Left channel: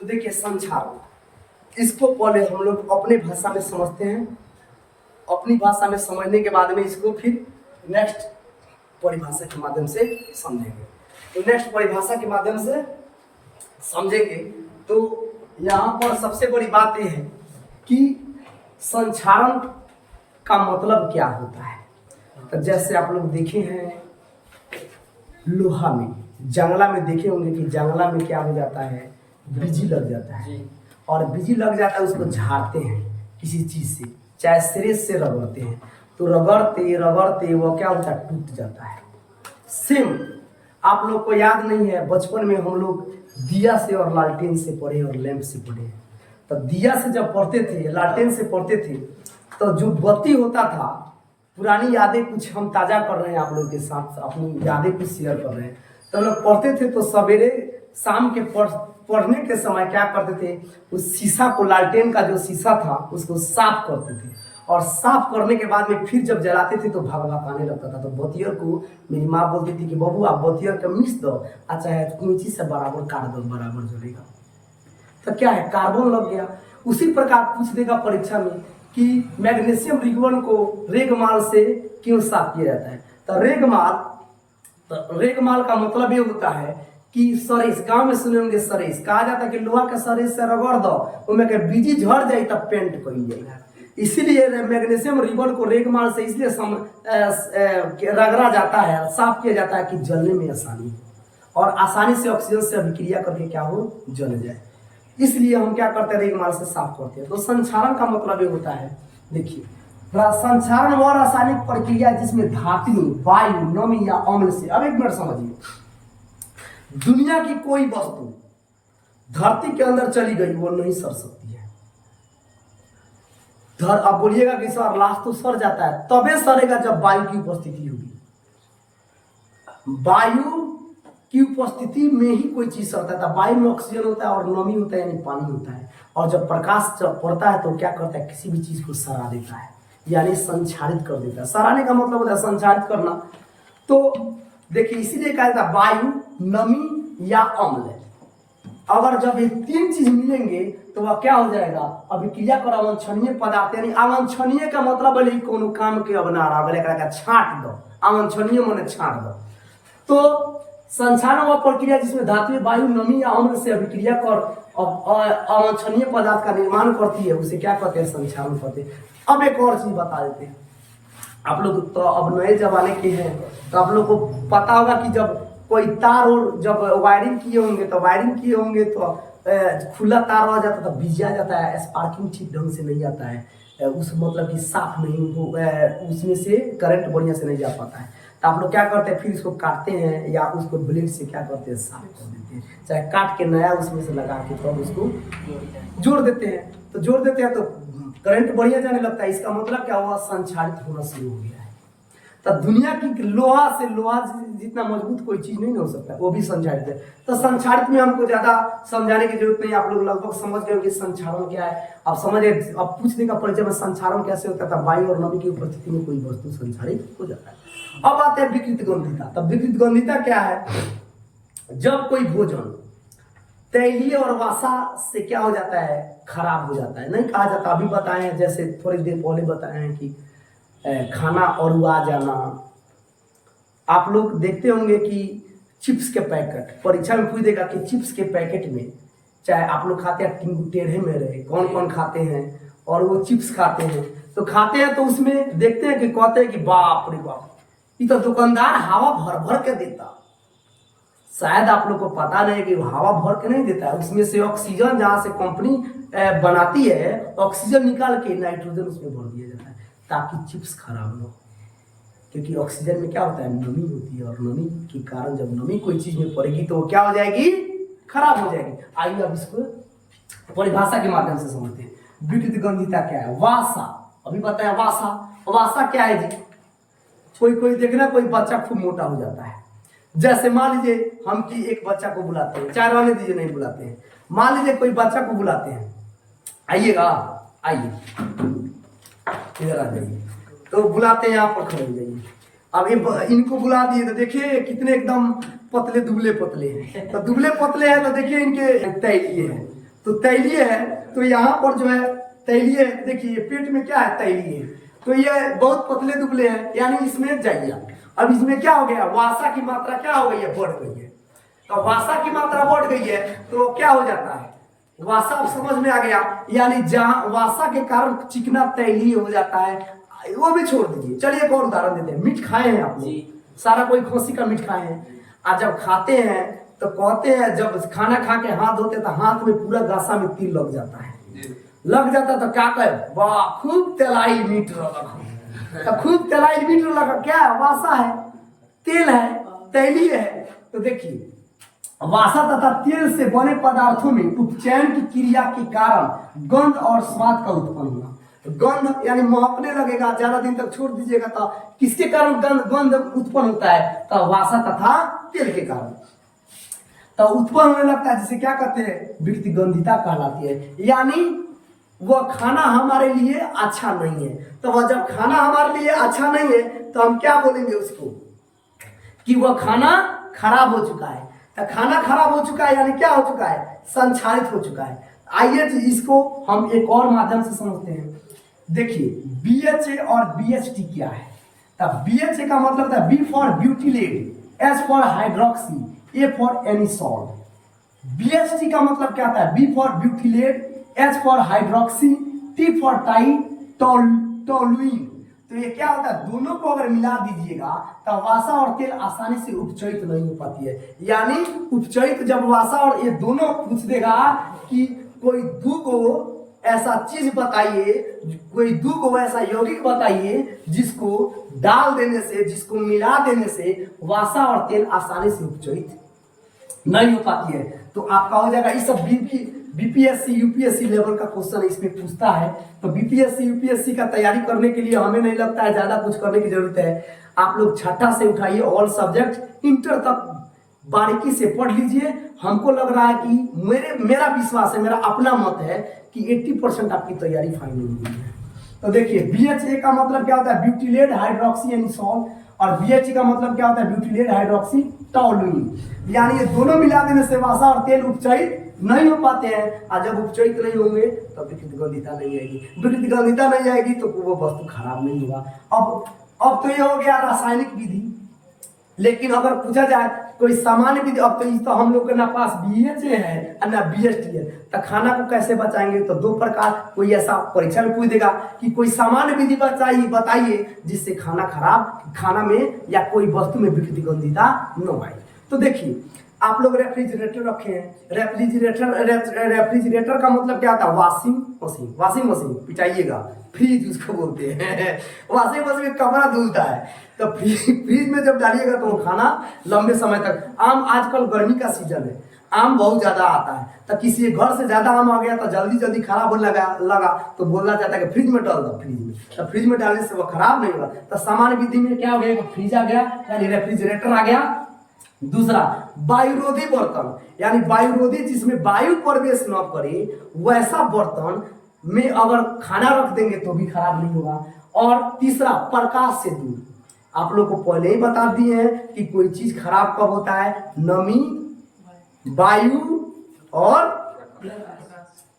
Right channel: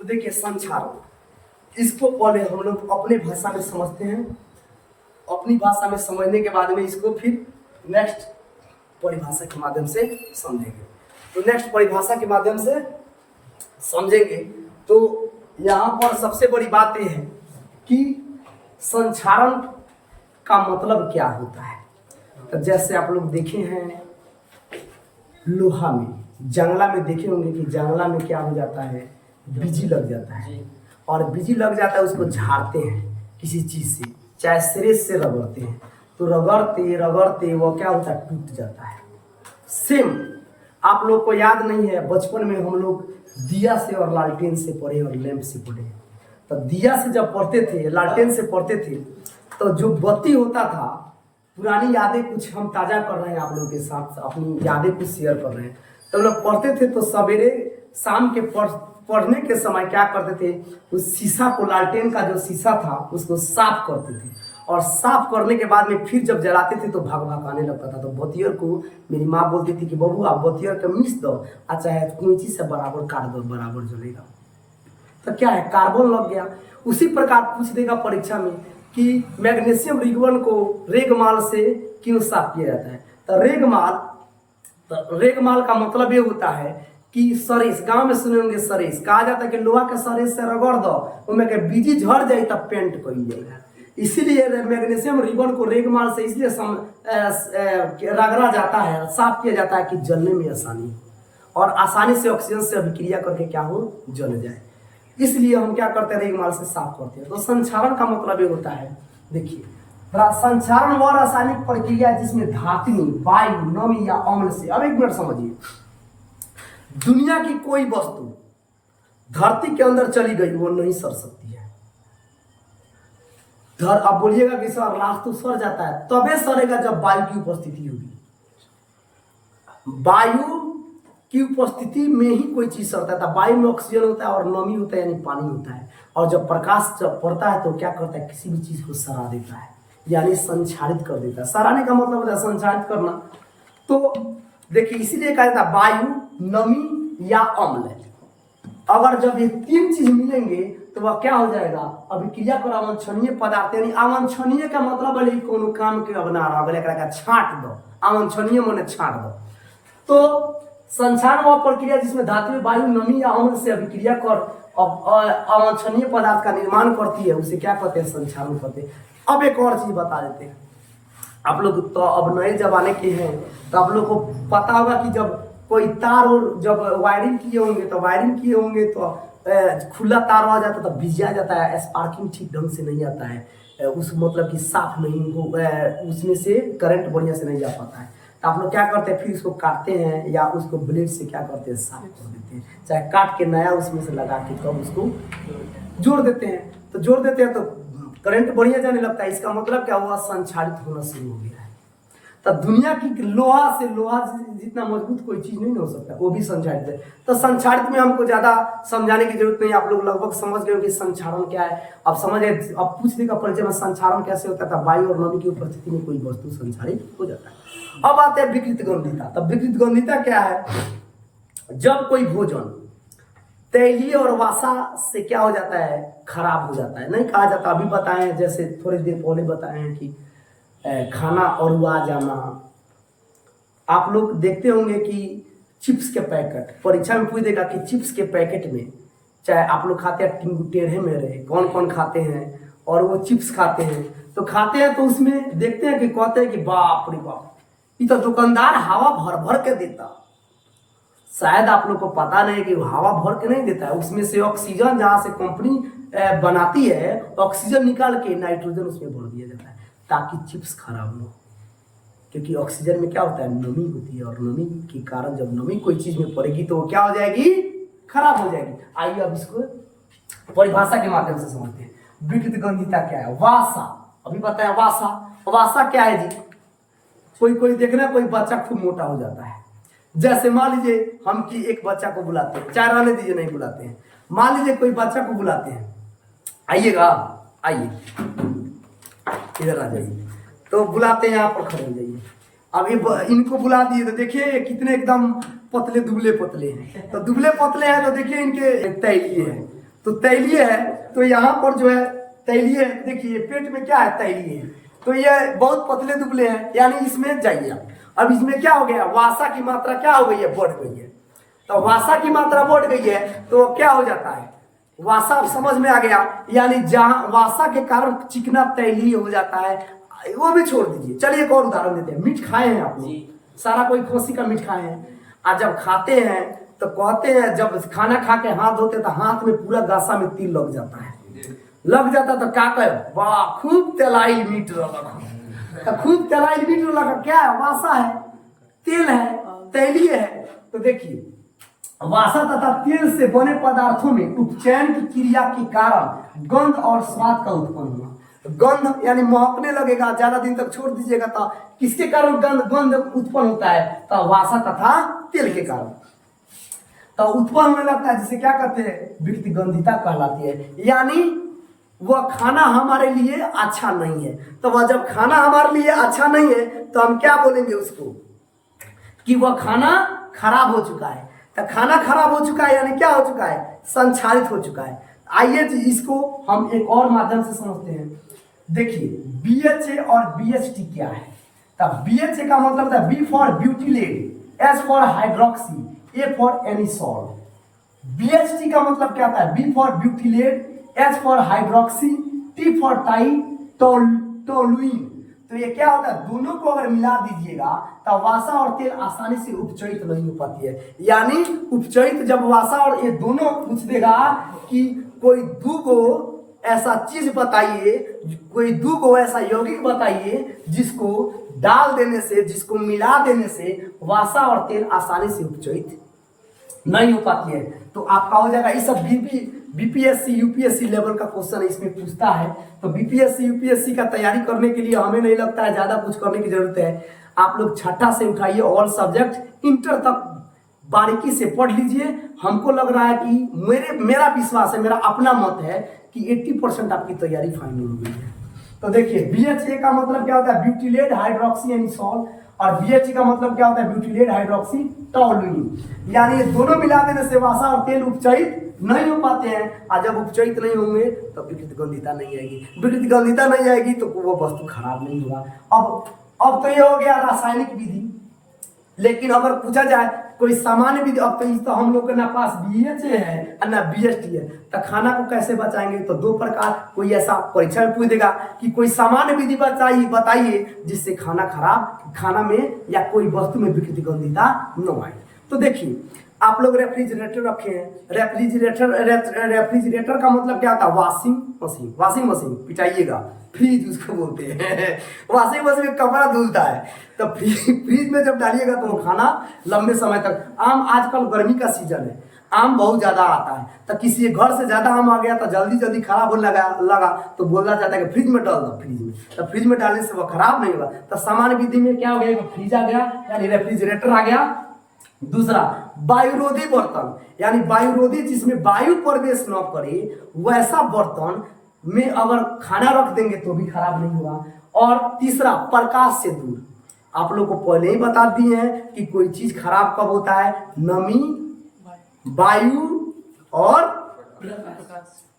तो देखिए संचारण, इसको पहले हम लोग अपने भाषा में समझते हैं, अपनी भाषा में समझने के बाद में इसको फिर नेक्स्ट परिभाषा के माध्यम से समझेंगे। तो नेक्स्ट परिभाषा के माध्यम से समझेंगे तो यहाँ पर सबसे बड़ी बात यह है कि संचारण का मतलब क्या होता है। तो जैसे आप लोग देखे हैं लोहा में, जंगला में देखे होंगे कि जंगला में क्या हो जाता है, बिजी लग जाता है, और बिजी लग जाता है उसको झाड़ते हैं किसी चीज से, चाहे सिरे से रगड़ते हैं, तो रगड़ते रगड़ते वो क्या होता है, टूट जाता है। सेम आप लोग को याद नहीं है, बचपन में हम लोग दिया से और लालटेन से पढ़े और लैंप से पढ़े। तो दिया से जब पढ़ते थे, लालटेन से पढ़ते थे, तो जो बत्ती होता था, पुरानी यादें कुछ हम ताज़ा कर रहे हैं आप लोगों के साथ, अपनी यादें कुछ शेयर कर रहे हैं। तो हम लोग पढ़ते थे तो सवेरे शाम के पढ़ने के समय क्या करते थे, उस शीशा को, लालटेन का जो शीशा था उसको साफ करते थे, और साफ करने के बाद में फिर जब जलाते थे तो भगभगाने लगता था। तो बतियर को मेरी माँ बोलती थी कि बबू आप बतियर का मिस दो, अच्छा है कुंची से बराबर काट दो, बराबर जलेगा। तो क्या है, कार्बन लग गया। उसी प्रकार पूछ देगा परीक्षा में कि मैग्नीशियम रिंगवन को रेगमाल से क्यों साफ किया जाता है। तो रेगमाल का मतलब ये होता है कि सरेस, गांव में सुने होंगे सरेस, कहा जाता है कि लोहा के सरेस से रगड़ दो, उनमें के बीजी झड़ जाए तब पेंट कर जाएगा। इसीलिए मैग्नीशियम रिबन को रेगमाल से इसलिए रगड़ा जाता है, साफ किया जाता है कि जलने में आसानी हो और आसानी से ऑक्सीजन से अभिक्रिया करके क्या हो, जल जाए। इसलिए हम क्या करते हैं, रेगमाल से साफ करते हैं। तो संचारण का मतलब ये होता है, देखिए संचारण वह रासायनिक प्रक्रिया जिसमें धातु, वायु, नमी या अम्ल से, अब एक मिनट समझिए, दुनिया की कोई वस्तु धरती के अंदर चली गई वो नहीं सड़ सकती है। अब बोलिएगा कि सर लाश तो सड़ जाता है, तबे सड़ेगा जब वायु की उपस्थिति होगी। वायु की उपस्थिति में ही कोई चीज सड़ता है। वायु में ऑक्सीजन होता है और नमी होता है, यानी पानी होता है, और जब प्रकाश जब पड़ता है तो क्या करता है, किसी भी चीज को सड़ा देता है, यानी संचारित कर देता है। सराने का मतलब होता है संचारित करना। तो देखिए इसीलिए कहा जाता है वायु, नमी या अम्ल। अगर जब ये तीन चीज मिलेंगे तो वह क्या हो जाएगा, अभिक्रिया कर अवांछनीय पदार्थ, यानी अवांछनीय का मतलब है कोनो काम के अब ना रहा, छांट दो, अवांछनीय माने छांट दो। तो संचारण वह प्रक्रिया जिसमें धातु, वायु, नमी या अम्ल से अभिक्रिया कर अवांछनीय पदार्थ का निर्माण करती है, उसे क्या कहते हैं, संचारण कहते हैं। अब एक और चीज बता देते हैं आप लोग, तो अब नए जमाने के हैं तो आप लोग को पता होगा कि जब कोई तार और जब वायरिंग किए होंगे तो खुला तार आ जाता है तो भिजा जाता है, स्पार्किंग ठीक ढंग से नहीं आता है, उस मतलब कि साफ नहीं हो, उसमें से करंट बढ़िया से नहीं जा पाता है। तो आप लोग क्या करते हैं, फिर इसको काटते हैं या उसको ब्लेड से क्या करते हैं, साफ कर देते हैं, चाहे काट के नया उसमें से लगा के तब उसको जोड़ देते हैं। तो जोड़ देते हैं तो करंट बढ़िया जाने लगता है। इसका मतलब क्या हुआ, संचारित होना शुरू हो गया है। तो दुनिया की लोहा जितना मजबूत कोई चीज नहीं हो सकता, वो भी संचारित है। तो संचारित में हमको ज्यादा समझाने की जरूरत नहीं, आप लोग लगभग समझ गए कि संचारण क्या है। अब समझ गए, अब पूछने का परिचय में संचारण कैसे होता था, वायु और नमी की उपस्थिति में कोई वस्तु संचारित हो जाता है। अब आते हैं विकृत गंधिता। तब विकृत गंधिता क्या है, जब कोई भोजन तैलीय और वासा से क्या हो जाता है, खराब हो जाता है। नहीं कहा जाता, अभी बताएं, जैसे थोड़ी देर पहले बताए हैं कि खाना अरुआ जाना। आप लोग देखते होंगे कि चिप्स के पैकेट, परीक्षा में पूछ देगा कि चिप्स के पैकेट में, चाहे आप लोग खाते हैं टेढ़े मेढ़े, कौन कौन खाते हैं, और वो चिप्स खाते हैं तो उसमें देखते हैं कि कहते हैं कि बाप रे बाप, ये तो दुकानदार हवा भर भर के देता। शायद आप लोग को पता नहीं कि हवा भर के नहीं देता है, उसमें से ऑक्सीजन, जहाँ से कंपनी बनाती है, ऑक्सीजन निकाल के नाइट्रोजन उसमें भर दिया जाता है ताकि चिप्स खराब ना हो। क्योंकि ऑक्सीजन में क्या होता है, नमी होती है, और नमी के कारण जब नमी कोई चीज में पड़ेगी तो वो क्या हो जाएगी, खराब हो जाएगी। आइए अब इसको परिभाषा के माध्यम से समझते हैं। विकृत गंधिता क्या है, वासा, अभी बताया वासा क्या है जी। कोई देखना, कोई बच्चा खूब मोटा हो जाता है। जैसे मान लीजिए हम कि एक बच्चा को बुलाते हैं, चाहे रहने दीजिए, नहीं बुलाते हैं, मान लीजिए कोई बच्चा को बुलाते हैं, आइएगा, आइए इधर आ जाइए, तो बुलाते हैं, यहाँ पर खड़े हो जाइए। अब इनको बुला दिए तो देखिए कितने एकदम पतले दुबले पतले हैं। तो दुबले पतले हैं तो देखिए इनके तैलीय है, तो तैलीय है, तो यहाँ पर जो है तैलीय है, देखिए पेट में क्या है, तैलीय है, तो ये बहुत पतले दुबले हैं, यानी इसमें जाइए। अब इसमें क्या हो गया, वासा की मात्रा क्या हो गई है, बढ़ गई है। तो वासा की मात्रा बढ़ गई है तो क्या हो जाता है, वासा अब समझ में आ गया, यानी जहां वासा के कारण चिकना तैलीय हो जाता है। वो भी छोड़ दीजिए, चलिए एक और उदाहरण देते हैं। मीट खाए हैं आप लोग, सारा कोई खसी का मीट खाए हैं, और जब खाते हैं तो कहते हैं, जब खाना खा के हाथ धोते तो हाथ में पूरा गासा में तिल लग जाता है, लग जाता तो क्या कहे, वाह खूब तेलाई मीट लगा, खूब तेलाई मीट लगा, क्या है, वासा है, तेल है, तैलीय है। तो देखिए वासा तथा तेल से बने पदार्थों में उपचयन की क्रिया के कारण गंध और स्वाद का उत्पन्न हुआ। तो गंध यानी महकने लगेगा, ज्यादा दिन तक छोड़ दीजिएगा तो किसके कारण गंध उत्पन्न होता है, तो वासा तथा तेल के कारण तो उत्पन्न होने लगता है, जिसे क्या कहते हैं, व्यक्ति गंधिता कहलाती है। यानी वह खाना हमारे लिए अच्छा नहीं है। तो वह जब खाना हमारे लिए अच्छा नहीं है तो हम क्या बोलेंगे उसको, कि वह खाना खराब हो चुका है। तो खाना खराब हो चुका है यानी क्या हो चुका है, संक्षारित हो चुका है। आइए इसको हम एक और माध्यम से समझते हैं। देखिए BHA और BHT क्या है। तब BHA का मतलब था B for butylate, S for hydroxy, A for anisole. BHT का मतलब क्या था, B for butylate, H for hydroxy, T for toluene. तो ये क्या होता है, दोनों को अगर मिला दीजिएगा तो वासा और तेल आसानी से उपचरित नहीं हो पाती है। यानी उपचरित जब वासा और ये दोनों पूछ देगा कि कोई दो को ऐसा चीज बताइए, कोई दो को ऐसा यौगिक बताइए जिसको डाल देने से, जिसको मिला देने से वासा और तेल आसानी से उपचरित नहीं हो पाती है। तो आपका हो जाएगा, इस सब बीपीएससी यूपीएससी लेवल का क्वेश्चन इसमें पूछता है। तो बीपीएससी यूपीएससी का तैयारी करने के लिए हमें नहीं लगता है ज्यादा कुछ करने की जरूरत है। आप लोग छठा से उठाइए, ऑल सब्जेक्ट इंटर तक बारीकी से पढ़ लीजिए। हमको लग रहा है कि मेरा विश्वास है, मेरा अपना मत है कि 80% आपकी तैयारी फाइनल हो गई है। तो देखिए BHA का मतलब क्या होता है, ब्यूटिलेट हाइड्रोक्सी एनिसॉल, और BHT का मतलब क्या होता है, ब्यूटिलेट हाइड्रोक्सी टोलुइन। यानी ये दोनों मिला देने से वासा और तेल उपचरित नहीं हो पाते हैं, और जब उपचरित नहीं होंगे तो विकृत गंधिता नहीं आएगी। विकृत गंधिता नहीं आएगी तो वो वस्तु खराब नहीं होगा। अब तो ये हो गया रासायनिक विधि। लेकिन अगर पूछा जाए कोई सामान्य विधि, अब तो हम लोग के ना पास BHA है और ना BHT है, तो खाना को कैसे बचाएंगे। तो दो प्रकार, कोई ऐसा परीक्षा में पूछ देगा कि कोई सामान्य विधि बताइए जिससे खाना में या कोई वस्तु में विकृति गंधिता न आए। तो देखिए आप लोग रेफ्रिजरेटर रखे हैं। रेफ्रिजरेटर का मतलब क्या होता है, वॉशिंग मशीन पिटाइएगा, फ्रिज उसको बोलते हैं। वॉशिंग मशीन में कपड़ा धुलता है। तो फ्रिज में जब डालिएगा तो वो खाना लंबे समय तक, आजकल गर्मी का सीजन है, आम बहुत ज्यादा आता है, तो किसी घर से ज्यादा आम आ गया तो जल्दी खराब होने लगा तो बोला जाता है कि फ्रिज में डाल दो। फ्रिज में तो फ्रिज में डालने से वो खराब नहीं होगा। तो सामान्य विधि में क्या हो गया, फ्रिज आ गया यानी रेफ्रिजरेटर आ गया। दूसरा वायुरोधी बर्तन, यानी वायुरोधी जिसमें वायु प्रवेश न करे वैसा बर्तन में अगर खाना रख देंगे तो भी खराब नहीं होगा। और तीसरा प्रकाश से दूर। आप लोग को पहले ही बता दिए हैं कि कोई चीज खराब कब होता है, नमी, वायु और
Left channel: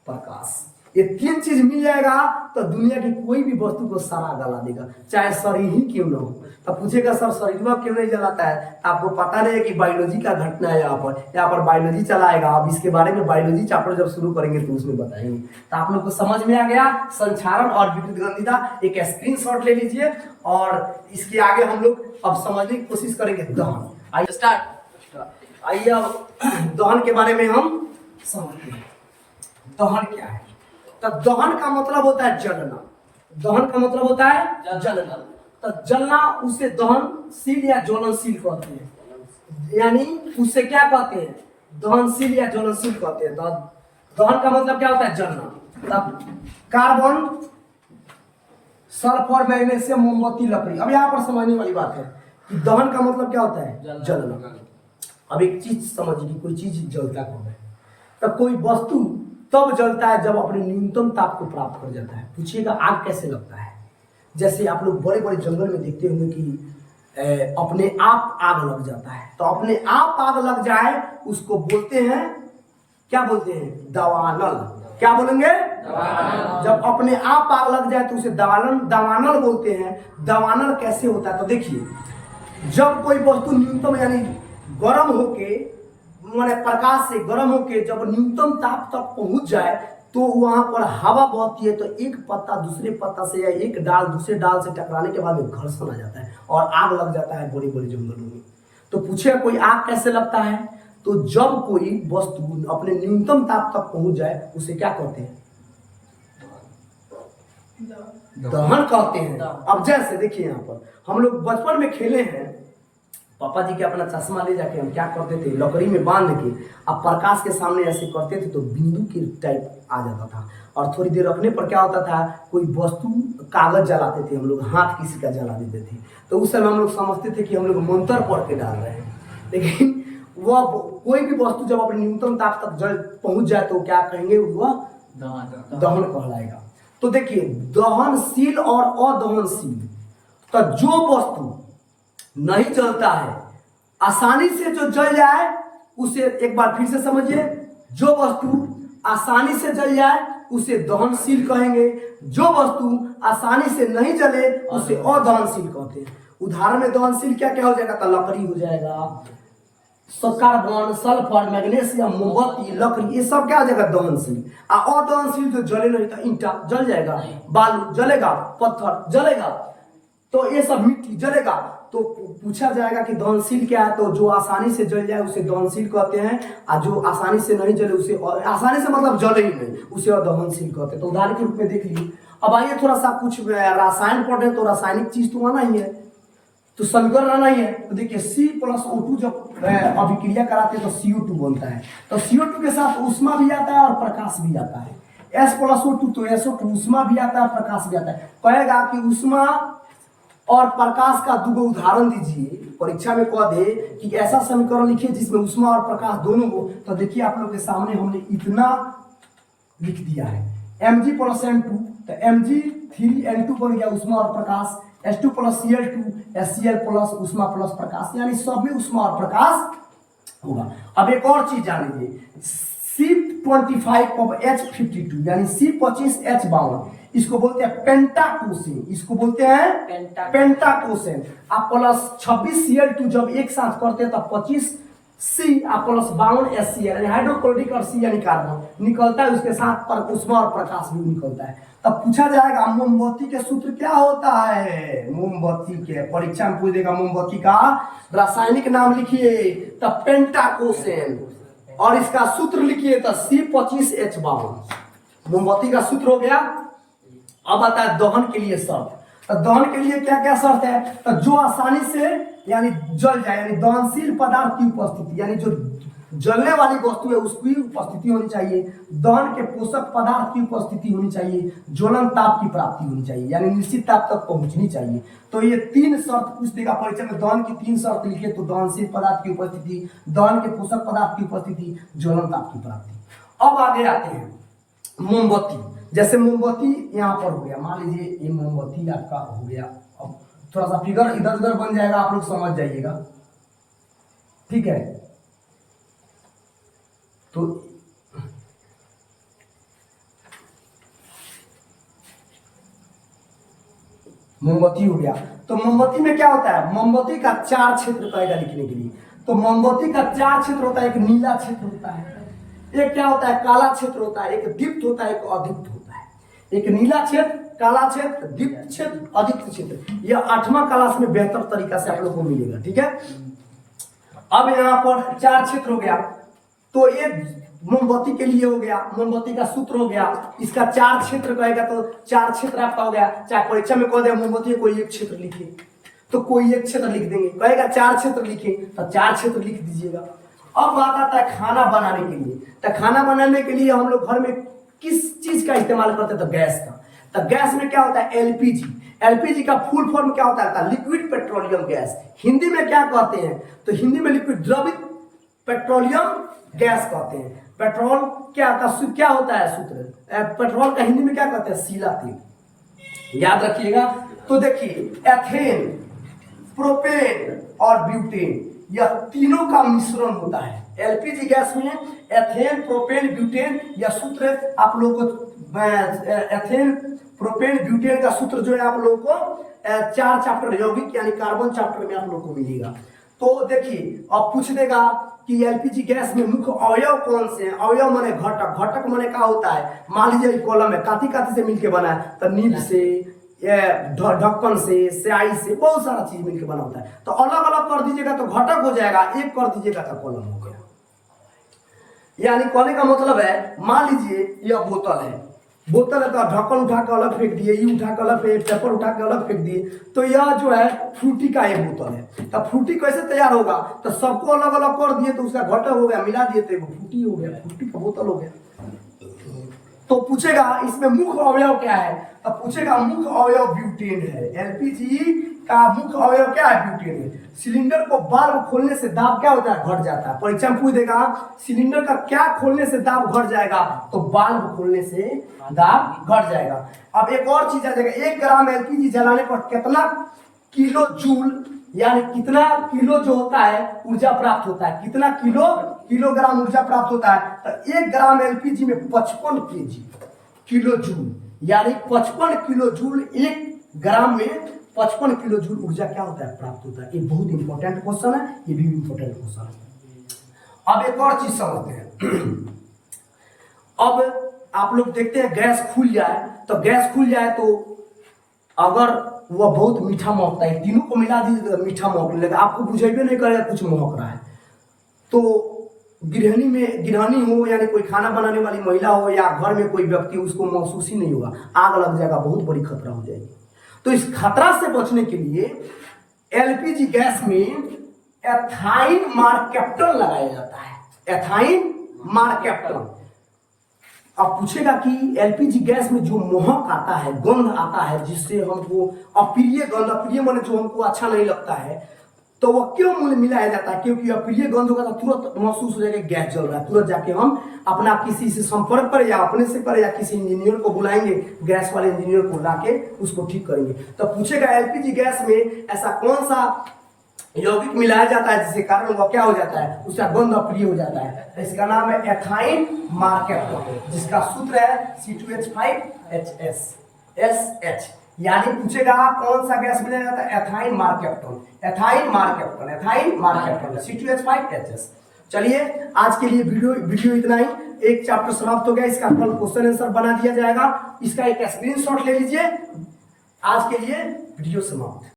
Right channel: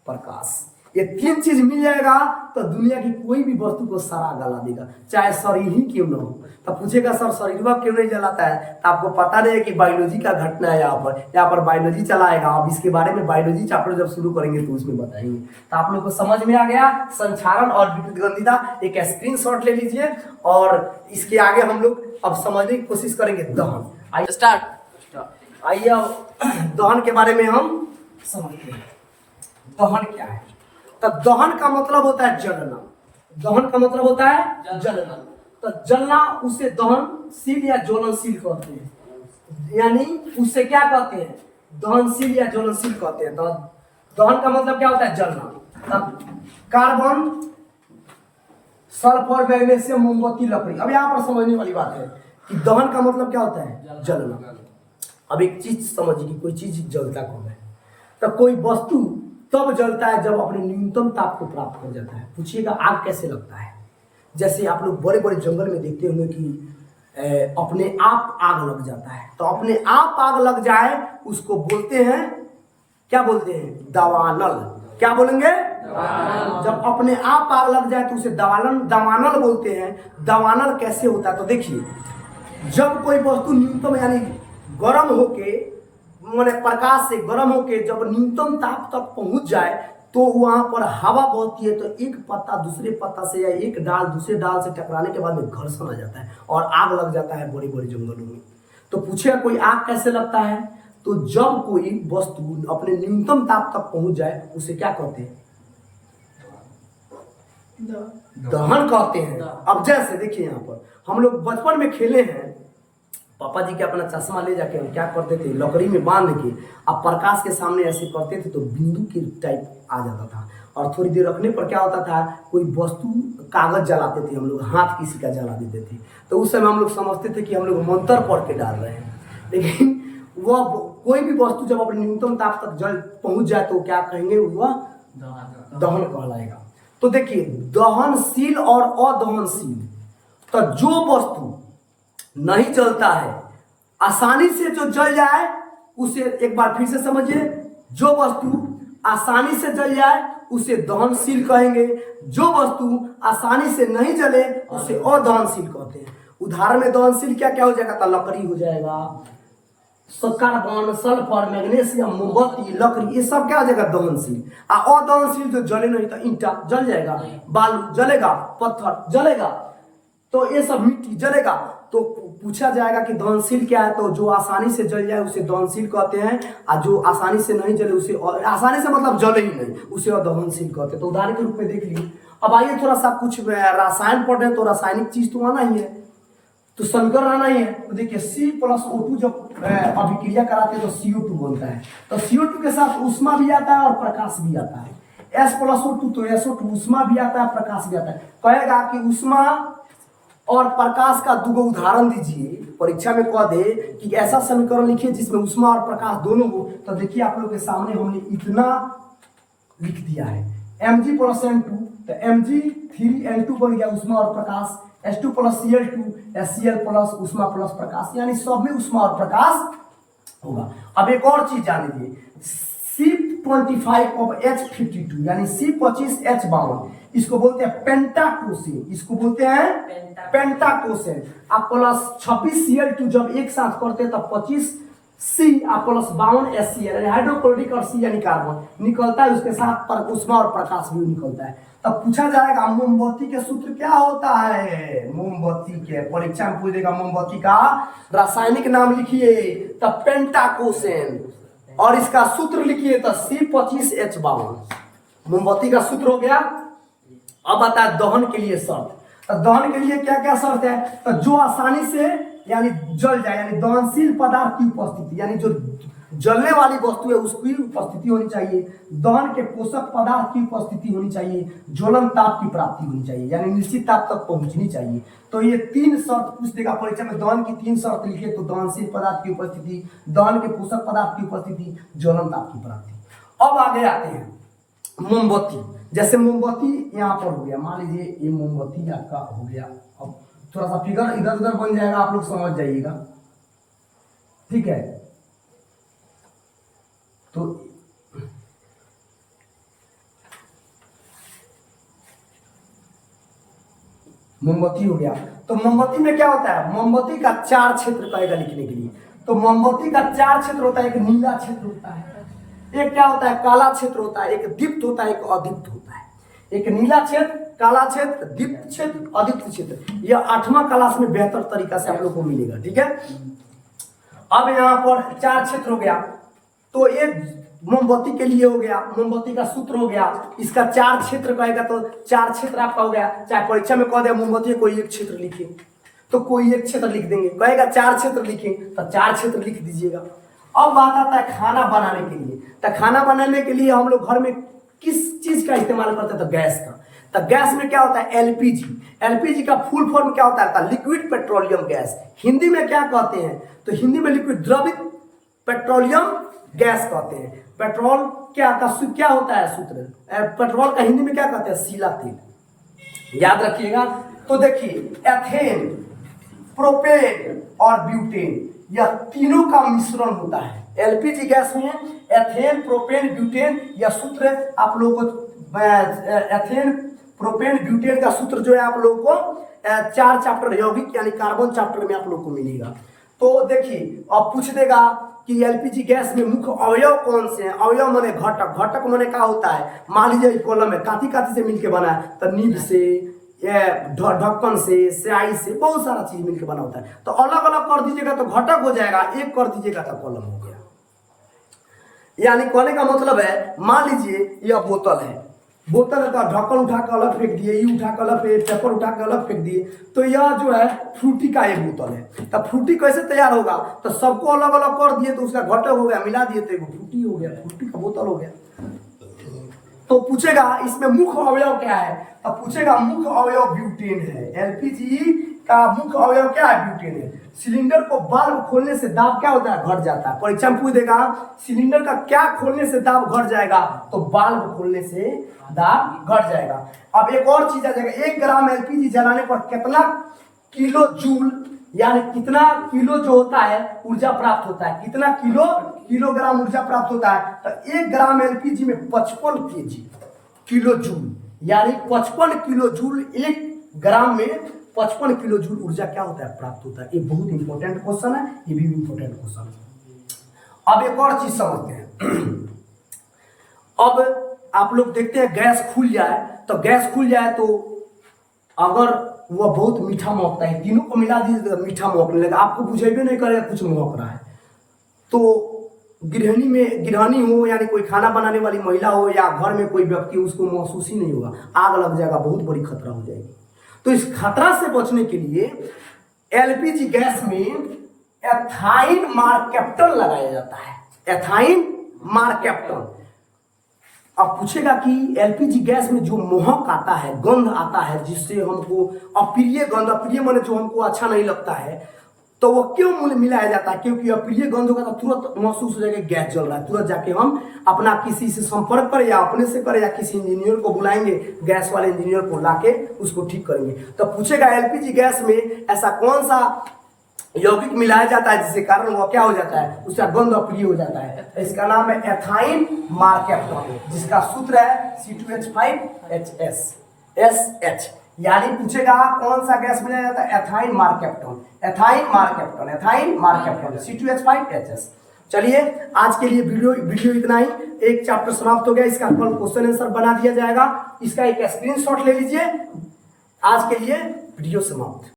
प्रकाश। ये तीन चीज मिल जाएगा तो दुनिया की कोई भी वस्तु को सारा गला देगा, चाहे शरीर ही क्यों ना हो। तो पूछेगा सर शरीर क्यों नहीं जलाता है, तो आपको पता नहीं है कि बायोलॉजी का घटना है। यहाँ पर बायोलॉजी चलाएगा। अब इसके बारे में बायोलॉजी चैप्टर जब शुरू करेंगे तो उसमें बताएंगे। तो आप लोग को समझ में आ गया संक्षारण और विकृत गंधिता। एक स्क्रीनशॉट ले लीजिए और इसके आगे हम लोग अब समझने की कोशिश करेंगे दहन। आइए स्टार्ट। आइए अब दहन के बारे में हम समझते हैं। दहन क्या है। तो दहन का मतलब होता है जलना। दहन का मतलब होता है जलना। तो जलना उसे दहनशील या ज्वलनशील कहते हैं। यानी उससे क्या कहते हैं, दहनशील या ज्वलनशील कहते हैं। दहन का मतलब क्या होता है, जलना। तब कार्बन, सल्फर, मैग्नीशियम, मोमबत्ती, लकड़ी। अब यहाँ पर समझने वाली बात है कि दहन का मतलब क्या होता है, जलना। अब एक चीज समझिए कि कोई चीज जलता कब है। तो कोई वस्तु तब जलता है जब अपने न्यूनतम ताप को प्राप्त कर जाता है। पूछिएगा आग कैसे लगता है। जैसे आप लोग बड़े बड़े जंगल में देखते होंगे कि अपने आप आग लग जाता है। तो अपने आप आग लग जाए उसको बोलते हैं क्या बोलते हैं? दवानल। क्या बोलेंगे? जब अपने आप आग लग जाए तो उसे दवानल बोलते हैं। दवानल कैसे होता है? तो देखिए, जब कोई वस्तु न्यूनतम यानी गर्म होके, माने प्रकाश से गर्म होके जब न्यूनतम ताप तक पहुंच जाए तो वहां पर हवा बहती है, तो एक पत्ता दूसरे पत्ता से या एक डाल दूसरे डाल से टकराने के बाद में घर्षण आ जाता है और आग लग जाता है बड़ी बड़ी जंगलों में। तो पूछे कोई आग कैसे लगता है? तो जब कोई वस्तु अपने न्यूनतम ताप तक पहुंच जाए उसे क्या कहते हैं? दहन कहते हैं। अब जैसे देखिए, यहाँ पर हम लोग बचपन में खेले हैं, पापा जी के अपना चश्मा ले जाके हम क्या करते थे, लकड़ी में बांध के अब प्रकाश के सामने ऐसे करते थे तो बिंदु के टाइप आ जाता था। और थोड़ी देर रखने पर क्या होता था, कोई वस्तु, कागज जलाते थे हम लोग, हाथ किसी का जला देते थे, तो उस समय हम लोग समझते थे कि हम लोग मंत्र पढ़ के डाल रहे हैं। लेकिन वह कोई भी वस्तु जब अपने न्यूनतम ताप तक जल पहुंच जाए तो क्या कहेंगे, वह दहन कहलाएगा। तो देखिए, दहनशील और अदहनशील, तो जो वस्तु नहीं जलता है, आसानी से जो जल जाए उसे, एक बार फिर से समझिए, जो वस्तु आसानी से जल जाए उसे दहनशील कहेंगे, जो वस्तु आसानी से नहीं जले उसे अदहनशील कहते हैं। उदाहरण में दहनशील क्या क्या हो जाएगा? तो लकड़ी हो जाएगा, कार्बन, सल्फर, मैग्नीशियम, मोमबत्ती, लकड़ी, ये सब क्या हो जाएगा? दहनशील। और दहनशील जो जले नहीं, तो ईंटा जल जाएगा, बालू जलेगा, पत्थर जलेगा, तो ये सब मिट्टी जलेगा। तो पूछा जाएगा कि दहनशील क्या है? तो जो आसानी से जल जाए उसे दहनशील कहते हैं, और जो आसानी से नहीं जले उसे, आसानी से मतलब जले ही नहीं, उसे अदहनशील कहते हैं। तो उदाहरण के रूप में देख लीजिए। अब आइए थोड़ा सा कुछ रसायन पढ़ रहे हैं, तो रासायनिक चीज तो आना ही है, तो समीकरण आना ही है। तो देखिए, C+O2 जब अभिक्रिया कराते हैं तो CO2 बनता है। तो CO2 के साथ ऊष्मा भी आता है और प्रकाश भी आता है। S+O2 तो SO2, ऊष्मा भी आता है, प्रकाश भी आता है। कहेगा कि ऊष्मा और प्रकाश का दो उदाहरण दीजिए, परीक्षा में कह दे कि ऐसा समीकरण लिखिए जिसमें ऊष्मा और प्रकाश दोनों हो। तो देखिए, आप लोग के सामने हमने इतना लिख दिया है, Mg+N2, तो Mg3N2 बन गया, ऊष्मा और प्रकाश। H2+Cl2, HCl+ ऊष्मा प्लस प्रकाश, यानी सब में ऊष्मा और प्रकाश होगा। अब एक और चीज जान लीजिए, C25H52 यानी C25H52, इसको बोलते हैं पेंटाकोसेन, इसको बोलते हैं पेंटाकोसेन। आप प्लस 26Cl2 जब एक साथ करते हैं तब 25C आप प्लस 52HCl यानी हाइड्रोक्लोरिक और C यानी कार्बन निकलता है, उसके साथ पर ऊष्मा और प्रकाश भी निकलता है। तब पूछा जाएगा मोमबत्ती के सूत्र क्या होता है? मोमबत्ती के परीक्षा में पूछ देगा, मोमबत्ती का रासायनिक नाम लिखिए, तब पेंटाकोसेन, और इसका सूत्र लिखिए तो C25H52। मोमबत्ती का सूत्र हो गया। अब आता है दहन के लिए शर्त। तो दहन के लिए क्या क्या शर्त है? तो जो आसानी से यानी जल जाए, यानी दहनशील पदार्थ की उपस्थिति, यानी जो जलने वाली वस्तु है उसकी उपस्थिति होनी चाहिए, दहन के पोषक पदार्थ की उपस्थिति होनी चाहिए, ज्वलन ताप की प्राप्ति होनी चाहिए, यानी निश्चित ताप तक पहुंचनी चाहिए। तो ये तीन शर्त पूछ देगा परीक्षा में, दहन की तीन शर्त लिखे तो दहनशील पदार्थ की उपस्थिति, दहन के पोषक पदार्थ की उपस्थिति, ज्वलन ताप की प्राप्ति। अब आगे आते हैं मोमबत्ती। जैसे मोमबत्ती यहाँ पर हो गया, मान लीजिए ये मोमबत्ती आपका हो गया। अब थोड़ा सा फिगर इधर उधर बन जाएगा, आप लोग समझ जाइएगा, ठीक है? तो मोमबत्ती हो गया। तो मोमबत्ती में क्या होता है? मोमबत्ती का चार क्षेत्र कहेगा लिखने के लिए। तो मोमबत्ती का चार क्षेत्र होता है, एक नीला क्षेत्र होता है, एक क्या होता है, काला क्षेत्र होता है, एक दीप्त होता है, एक अदीप्त होता है। एक नीला क्षेत्र, काला क्षेत्र, दीप्त क्षेत्र, अदीप्त क्षेत्र। यह 8वां क्लास में बेहतर तरीका से आप लोग को मिलेगा, ठीक है? अब यहाँ पर चार क्षेत्र हो गया, तो एक मोमबत्ती के लिए हो गया, मोमबत्ती का सूत्र हो गया, इसका चार क्षेत्र कहेगा तो चार क्षेत्र आपका हो गया। चाहे परीक्षा में कह दे मोमबत्ती कोई एक क्षेत्र लिखिए तो कोई एक क्षेत्र लिख देंगे, कहेगा चार क्षेत्र लिखे तो चार क्षेत्र लिख दीजिएगा। अब बात आता है खाना बनाने के लिए। तो खाना बनाने के लिए हम लोग घर में किस चीज का इस्तेमाल करते हैं? तो गैस का। तो गैस में क्या होता है? एलपीजी। एलपीजी का फुल फॉर्म क्या होता है? Liquid petroleum gas. हिंदी में क्या कहते हैं? तो हिंदी में लिक्विड द्रवित पेट्रोलियम गैस कहते हैं। पेट्रोल क्या होता है सूत्र? पेट्रोल का हिंदी में क्या कहते हैं? सीला तेल। याद रखिएगा। तो देखिए, एथेन, प्रोपेन और ब्यूटेन, यह तीनों का मिश्रण होता है। एलपीजी गैस में एथेन, प्रोपेन, ब्यूटेन, यह सूत्र आप लोग को एथेन, प्रोपेन, ब्यूटेन का सूत्र जो है आप लोगों को 4 चैप्टर यौगिक यानी कार्बन चैप्टर में आप लोग को मिलेगा। तो देखिए अब पूछ देगा कि एलपीजी गैस में मुख्य अवयव कौन से हैं। अवयव माने घटक, घटक माने क्या होता है, मान लीजिए कॉलम है, काती काती से मिलके बना है, तो नीब से, ढक्कन से, स्याही से, बहुत सारा चीज मिलके बना होता है। तो अलग अलग कर दीजिएगा तो घटक हो जाएगा, एक कर दीजिएगा तो कॉलम हो गया। यानी कहने का मतलब है, मान लीजिए यह बोतल है, बोतल है तो ढक्कन उठा के अलग फेंक दिए, ये उठा के अलग, पेपर उठा के अलग फेंक दिए, तो यह जो है फ्रूटी का एक बोतल है। तो फ्रूटी कैसे तैयार होगा, तो सबको अलग अलग कर दिए तो उसका घटक हो गया, मिला दिए तो एक फ्रूटी हो गया, फ्रूटी का बोतल हो गया। तो पूछेगा इसमें मुख्य अवयव क्या है, तो पूछेगा मुख्य अवयव ब्यूटेन है। एलपीजी का मुख्य अवयव क्या है, ब्यूटेन है। सिलेंडर को बाल्ब खोलने से दाब क्या होता है, घट जाता है। परीक्षा में पूछ देगा सिलेंडर का क्या खोलने से दाब घट जाएगा, तो बाल्ब खोलने से दाब घट जाएगा। अब एक और चीज आ जाएगा, 1 ग्राम एलपीजी जलाने पर कितना किलो जूल यानी कितना किलो जो होता है ऊर्जा प्राप्त होता है, कितना किलोग्राम ऊर्जा प्राप्त होता है। तो 1 ग्राम एलपीजी में 55 केजी किलो जूल यानी 55 किलो जूल, 1 ग्राम में 55 किलो जूल ऊर्जा क्या होता है, प्राप्त होता है। ये बहुत इंपॉर्टेंट क्वेश्चन है, ये भी इंपॉर्टेंट क्वेश्चन है। अब एक और चीज समझते हैं। अब आप लोग देखते हैं गैस खुल जाए, तो गैस खुल जाए तो अगर वह बहुत मीठा महकता है, तीनों को मिला दीजिए तो मीठा महकने लगेगा, आपको बुझेबे नहीं करेगा कुछ महक रहा है। तो गृहिणी हो यानी कोई खाना बनाने वाली महिला हो या घर में कोई व्यक्ति, उसको महसूस ही नहीं होगा, आग लग जाएगा, बहुत बड़ी खतरा हो जाएगी। तो इस खतरा से बचने के लिए एलपीजी गैस में एथाइन मार्केप्टन लगाया जाता है। Ethyne mercaptan. अब पूछेगा कि एलपीजी गैस में जो महक आता है, गंध आता है, जिससे हमको अप्रिय गंध, अप्रिय माने जो हमको अच्छा नहीं लगता है, तो वो क्यों मिलाया जाता है, क्योंकि अप्रिय गंध होगा तो तुरंत महसूस हो जाएगा गैस जल रहा है, तुरंत जाके हम अपना किसी से संपर्क करें या अपने से करें या किसी इंजीनियर को बुलाएंगे, गैस वाले इंजीनियर को लाके उसको ठीक करेंगे। तो पूछेगा एलपीजी गैस में ऐसा कौन सा यौगिक मिलाया जाता है जिसके कारण वो क्या हो जाता है, उसका गंध अप्रिय हो जाता है। इसका नाम है एथाइन मार्केप्टन, जिसका सूत्र है C2H5HS SH। यानी पूछेगा कौन सा गैस मिलाया जाता है, ethyne mercaptan, ethyne mercaptan, ethyne mercaptan, C2H5HS। चलिए आज के लिए वीडियो इतना ही। एक चैप्टर समाप्त हो गया, इसका कल क्वेश्चन आंसर बना दिया जाएगा, इसका एक स्क्रीनशॉट ले लीजिए। आज के लिए वीडियो समाप्त।